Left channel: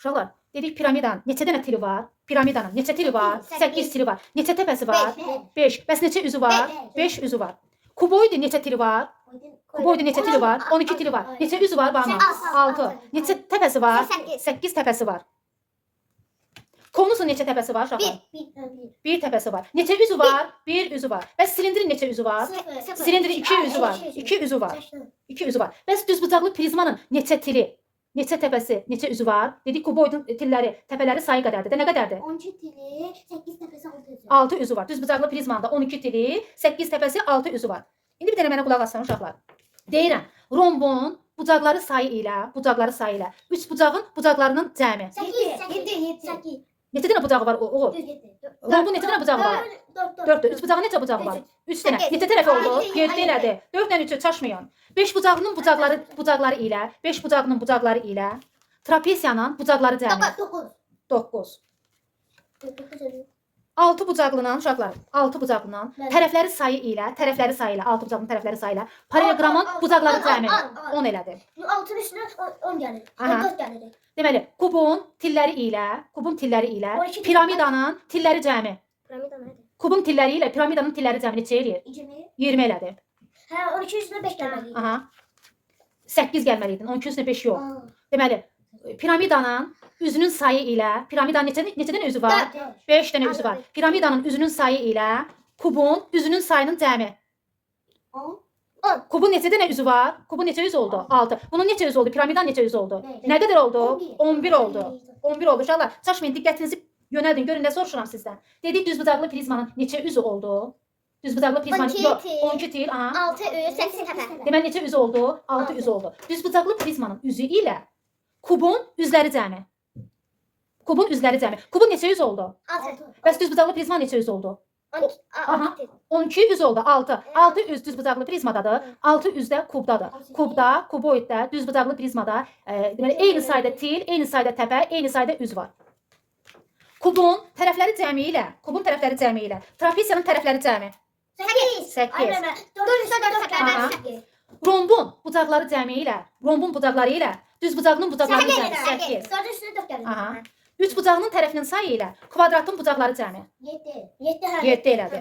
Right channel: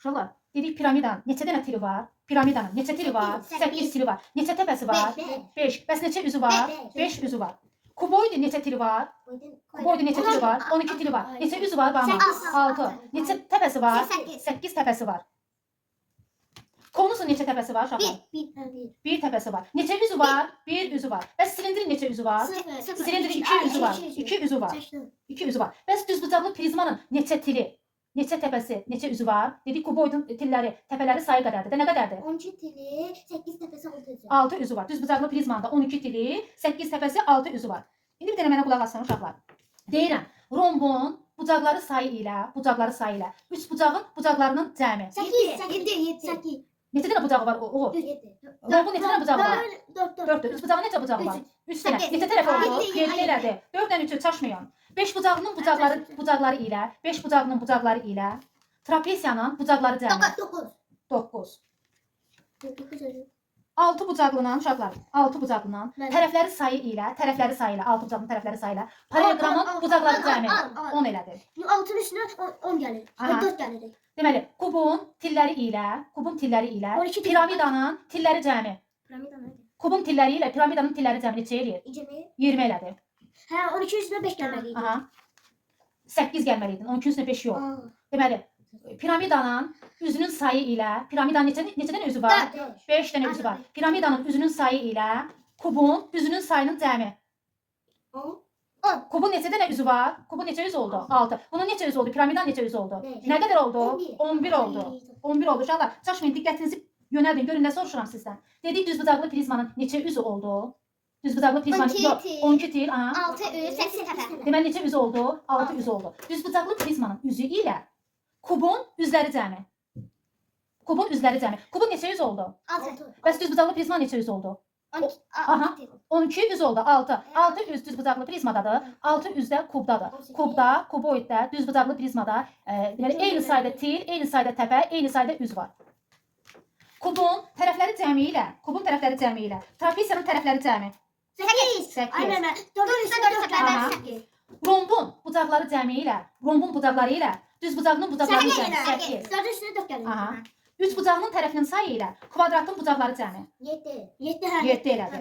Uşaqlar, dedik piramidanın neçə dənə tiri var? Piramidanın neçə tiri var? 8 tiri var. Neçə təpəsi var? 5. Bəs neçə üzü var? 5 üzü var. Kuboidin neçə tiri var? Kuboidin neçə tiri var? 12 tiri var. Neçə üzü var? 6. Neçə təpəsi var? 8 təpəsi var. Konusun neçə təpəsi var uşaqlar? 1 təpəsi var. Neçə üzü var? 1 üzü var. Bəs silindrin neçə üzü var? Silindrin 2 üzü var. 2 üzü var. 2 üzü var. Bəs düzbucaqlı prizmanın neçə tiri? Neçə təpəsi, neçə üzü var? Dedik kuboidin tilləri, təpələri sayı qədərdir. Nə qədərdir? 12 tili, 8 təpəsi 6 üzü. 6 üzü var. Düzbucaqlı prizmanda 12 tili, 8 təpəsi, 6 üzü var. İndi bir dənə mənə qulaq asın uşaqlar. Deyirəm, rombun bucaqları sayı ilə, üç bucağın bucaqlarının cəmi. 8. Neçə dənə bucağı var o? Rombun neçə dənə bucağı var? 4. Üç bucağın neçə bucağı var? 3 dənə. Neçə tərəfi oldu? 7 elədi. 4 dənə 3 çaşmayın. 5 bucağının bucaqları ilə, 5 bucağının bucaqları ilə trapesiyanın bucaqları cəmi. 9. 6 bucaqlının uşaqlar, 6 bucaqlının tərəfləri sayı ilə, 6 bucaqlının tərəfləri sayı ilə paralleloqramın bucaqları cəmi 10 elədi. 6'nın üstüne 10 gelir. 14 gelir. Deməli, kubun tilləri ilə 12 piramidanın tilləri cəmi. Piramida nerede? Kubun tilləri ilə piramidanın tilləri cəmi neçə eləyir? 20 elədi. Ha 12 üstüne 5 gelmeli. Aha. 8 gəlməliydin. 12 üstünə 5 yox. Deməli, piramidanın üzünün sayı ilə piramidanın neçə dənə üzü var? 5 dənə üzü var. Piramidanın üzünün sayı ilə kubun üzünün sayının cəmi. 10. Kubun neçə dənə üzü var? Kubun neçə üzü oldu? 6. Bunun neçə üzü oldu? Piramidanın neçə üzü oldu? Nə qədər oldu? 11 oldu. 11 oldu. Uşaqlar, çaşmayın, diqqətinizi yönəldin. Görün nə soruşuram sizdən. Dedik düzbucaqlı prizmanın neçə üzü oldu? Düzbucaqlı prizmanın 12 tir. 6 üst 8 tepe. Deməli neçə üzü oldu? 6 üzü oldu. Düzbucaqlı prizmanın üzü ilə kubun üzləri cəmi. Kubun üzləri cəmi. Kubun neçə üzü oldu? 6. Bəs düzbucaqlı prizma neçə üzü oldu? Aha. 12 üz oldu. 6. 6 üz düzbucaqlı prizmadadır. 6 üz də kubdadır. Kubda, kuboiddə, düzbucaqlı prizmada deməli eyni sayda til, eyni sayda təpə, eyni sayda üz var. Kubun tərəfləri cəmi ilə, trapesiyanın tərəfləri cəmi. 8. Aynen. 4 üstüne 4 Aha. gelmeli. Rombun bucaqları cəmi ilə, düzbucağının bucaqları cəmi 8. 4 üstüne 4 gelmeli. Aha. Üç bucağının tərəfinin sayı ilə kvadratın bucaqları cəmi 7. 7 7 elədi.